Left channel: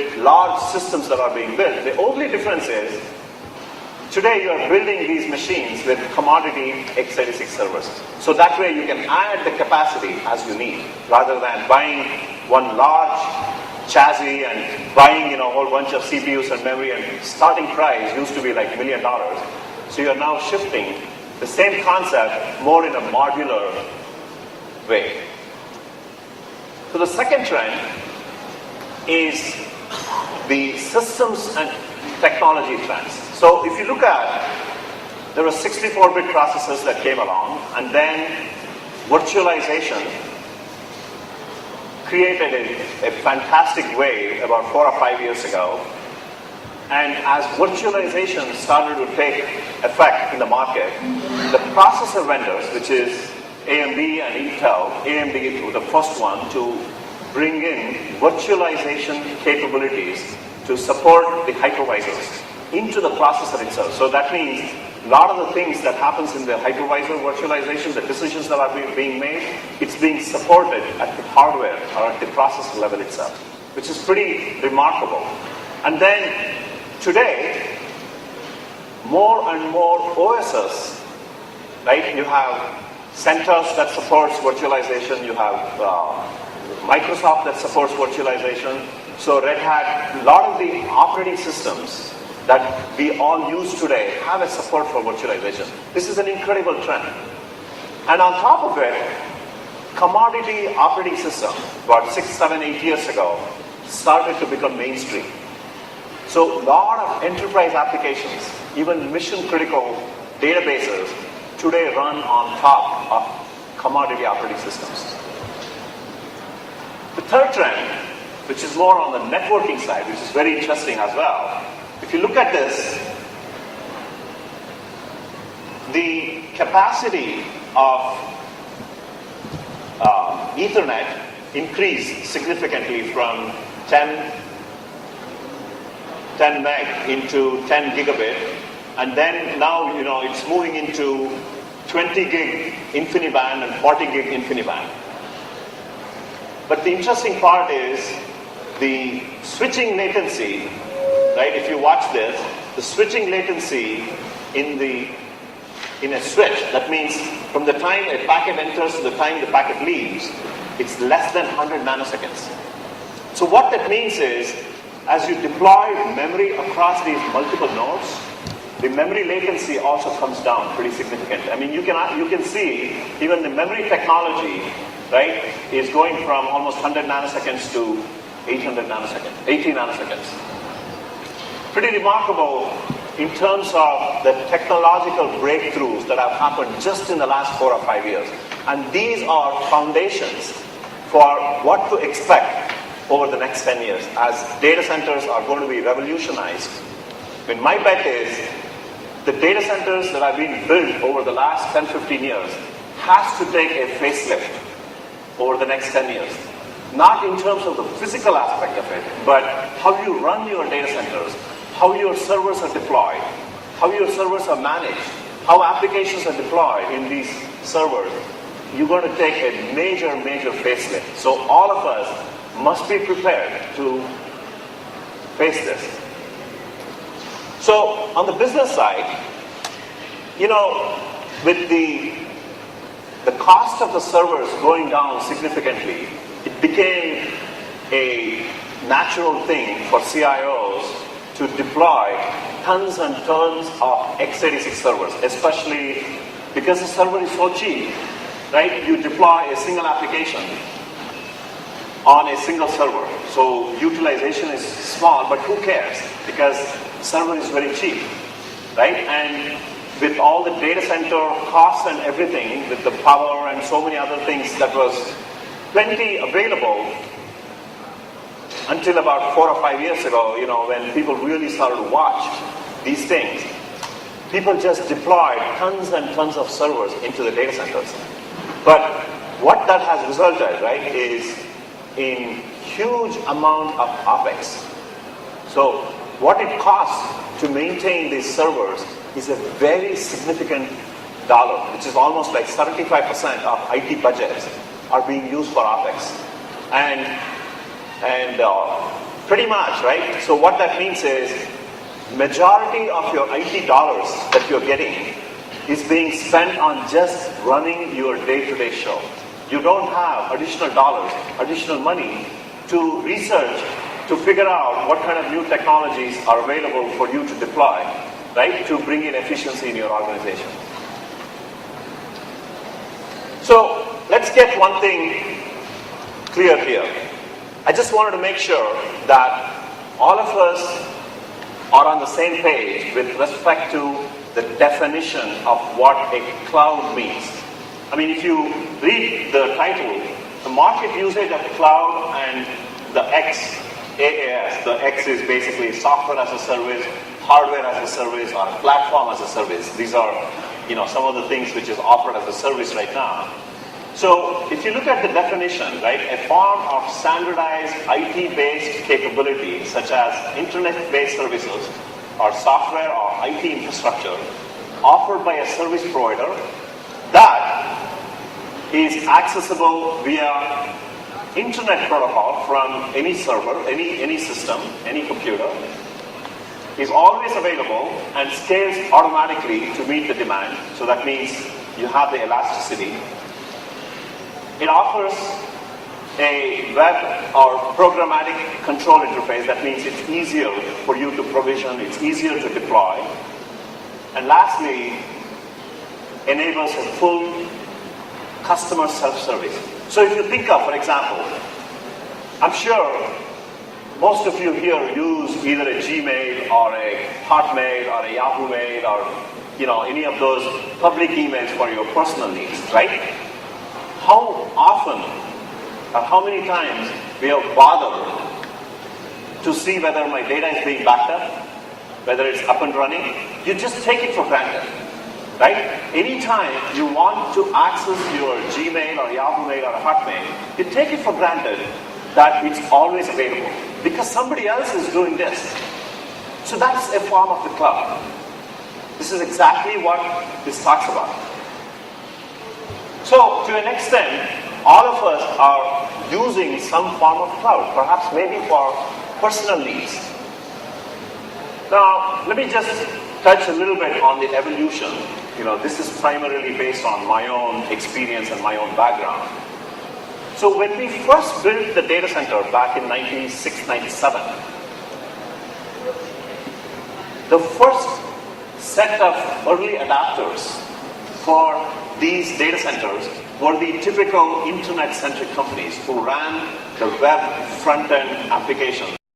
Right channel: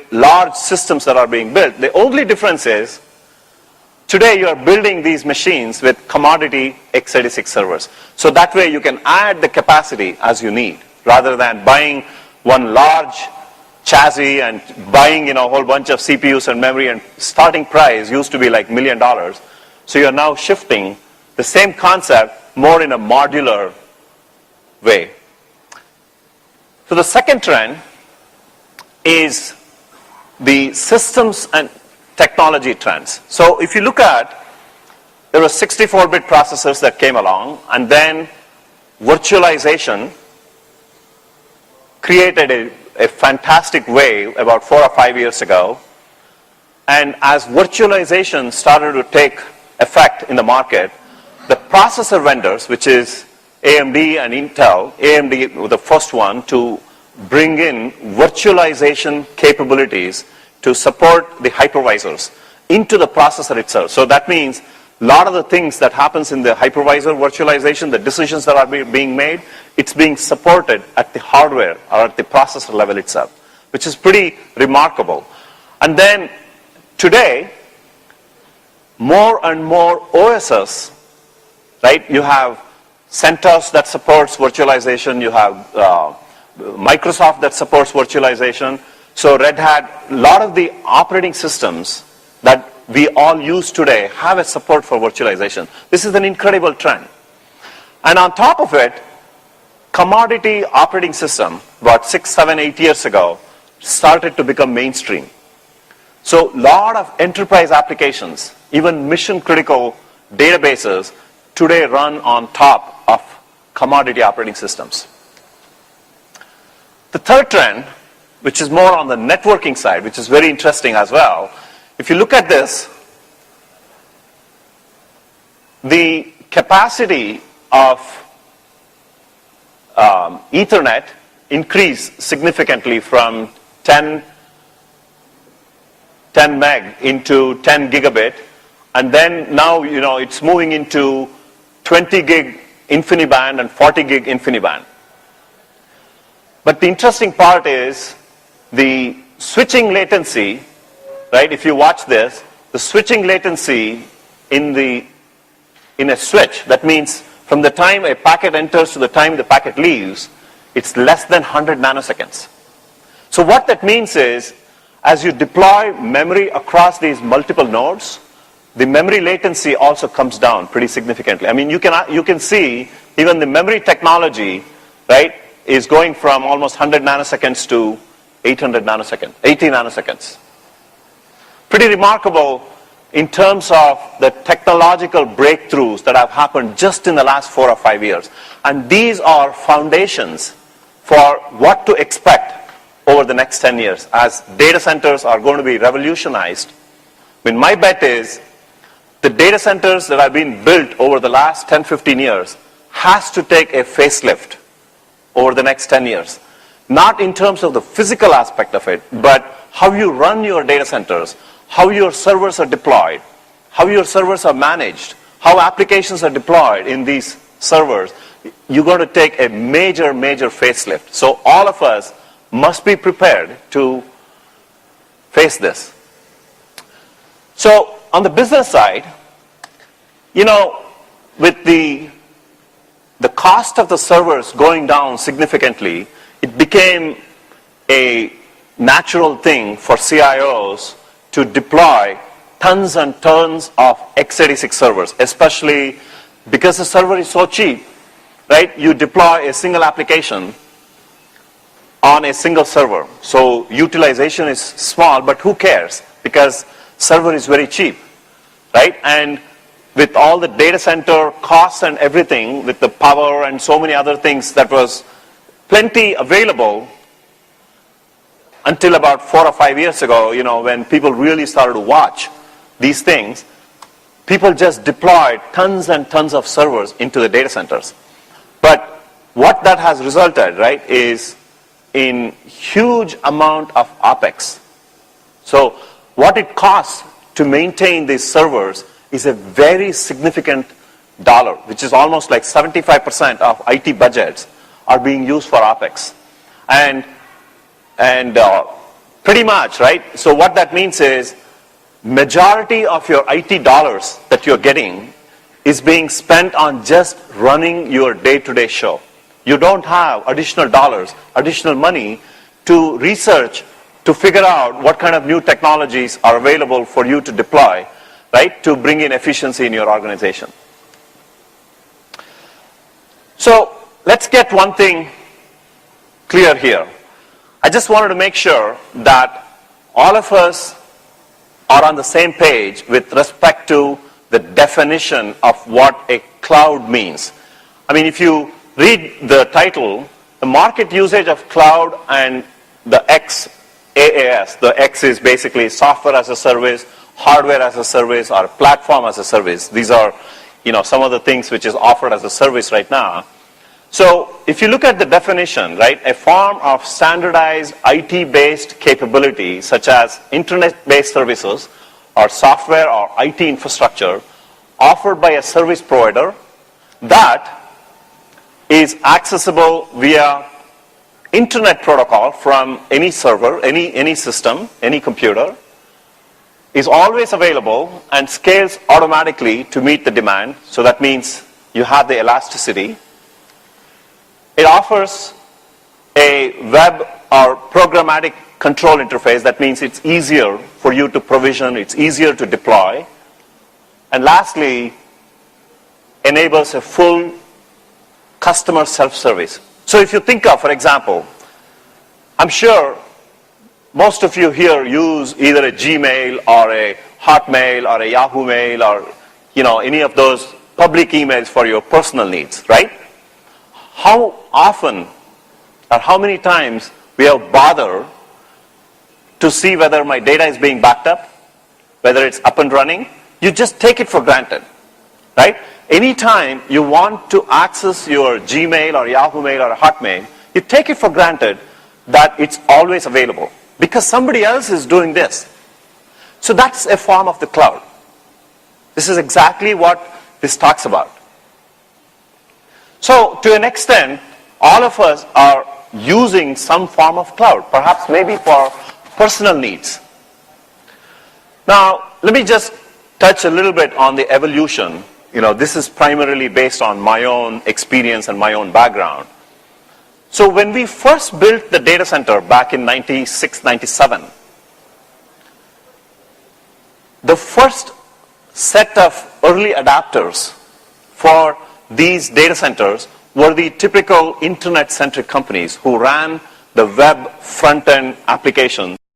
with large systems that are being built. The only difference is today you are building these machines with commodity x86 servers. So that way you can add the capacity as you need, rather than buying one large chassis and buying a whole bunch of CPUs and memory, and starting price used to be like $1 million. So you're now shifting the same concept more in a modular way. So the second trend is the systems and technology trends. So if you look at, there were 64-bit processors that came along, and then virtualization created a fantastic wave about 4 or 5 years ago. And as virtualization started to take effect in the market, the processor vendors, which is AMD and Intel, AMD was the first one to bring in virtualization capabilities to support the hypervisors into the processor itself. So that means a lot of the things that happens in the hypervisor virtualization, the decisions that are being made, it's being supported at the hardware or at the processor level itself, which is pretty remarkable. And then today, more and more OSs, right? You have CentOS that supports virtualization, you have Microsoft that supports virtualization. So Red Hat, a lot of the operating systems that we all use today have a support for virtualization. This is an incredible trend. And on top of it, commodity operating system, about 6, 7, 8 years ago, started to become mainstream. So a lot of enterprise applications, even mission critical databases, today run on top of commodity operating systems. The third trend, which is more on the networking side, which is very interesting as well. If you look at this, the capacity of Ethernet increased significantly from 10 meg into 10 gigabit, and then now it's moving into 20 gig InfiniBand and 40 gig InfiniBand. But the interesting part is the switching latency, right? If you watch this, the switching latency in a switch, that means from the time a packet enters to the time the packet leaves, it's less than 100 nanoseconds. So what that means is, as you deploy memory across these multiple nodes, the memory latency also comes down pretty significantly. I mean, you can see even the memory technology, right, is going from almost 100 nanoseconds to 800 nanoseconds, 80 nanoseconds. Pretty remarkable in terms of the technological breakthroughs that have happened just in the last 4 or 5 years. And these are foundations for what to expect over the next 10 years as data centers are going to be revolutionized. I mean, my bet is the data centers that have been built over the last 10, 15 years has to take a facelift over the next 10 years. Not in terms of the physical aspect of it, but how you run your data centers, how your servers are deployed, how your servers are managed, how applications are deployed in these servers. You're going to take a major, major facelift. So all of us must be prepared to face this. So on the business side, with the cost of the servers going down significantly, it became a natural thing for CIOs to deploy tons and tons of x86 servers, especially because the server is so cheap, right? You deploy a single application on a single server. So utilization is small, but who cares? Because server is very cheap, right? And with all the data center costs and everything, with the power and so many other things that was plenty available until about 4 or 5 years ago, when people really started to watch these things, people just deployed tons and tons of servers into the data centers. But what that has resulted, right, is in huge amount of OpEx. So what it costs to maintain these servers is a very significant dollar, which is almost like 75% of IT budgets are being used for OpEx. And Pretty much, right? So what that means is majority of your IT dollars that you're getting is being spent on just running your day-to-day show. You don't have additional dollars, additional money to research, to figure out what kind of new technologies are available for you to deploy, right, to bring in efficiency in your organization. So let's get one thing clear here. I just wanted to make sure that all of us are on the same page with respect to the definition of what a cloud means. I mean, if you read the title, the market usage of cloud and the XaaS, the X is basically software as a service, hardware as a service, or platform as a service. These are, some of the things which is offered as a service right now. So if you look at the definition, right, a form of standardized IT-based capability such as internet-based services or software or IT infrastructure offered by a service provider that is accessible via internet protocol from any server, any system, any computer, is always available and scales automatically to meet the demand. So that means you have the elasticity. It offers a web or programmatic control interface. That means it's easier for you to provision, it's easier to deploy. And lastly, enables a full customer self-service. So if you think of, for example, I'm sure most of you here use either a Gmail or a Hotmail or a Yahoo Mail or any of those public emails for your personal needs, right? How often or how many times we have bothered to see whether my data is being backed up, whether it's up and running? You just take it for granted, right? Anytime you want to access your Gmail or Yahoo Mail or Hotmail, you take it for granted that it's always available because somebody else is doing this. So that's a form of the cloud. This is exactly what this talks about. So to an extent, all of us are using some form of cloud, perhaps maybe for personal needs. Now, let me just touch a little bit on the evolution. This is primarily based on my own experience and my own background. So when we first built the data center back in 96, 97, the first set of early adapters for these data centers were the typical internet-centric companies who ran the web front-end application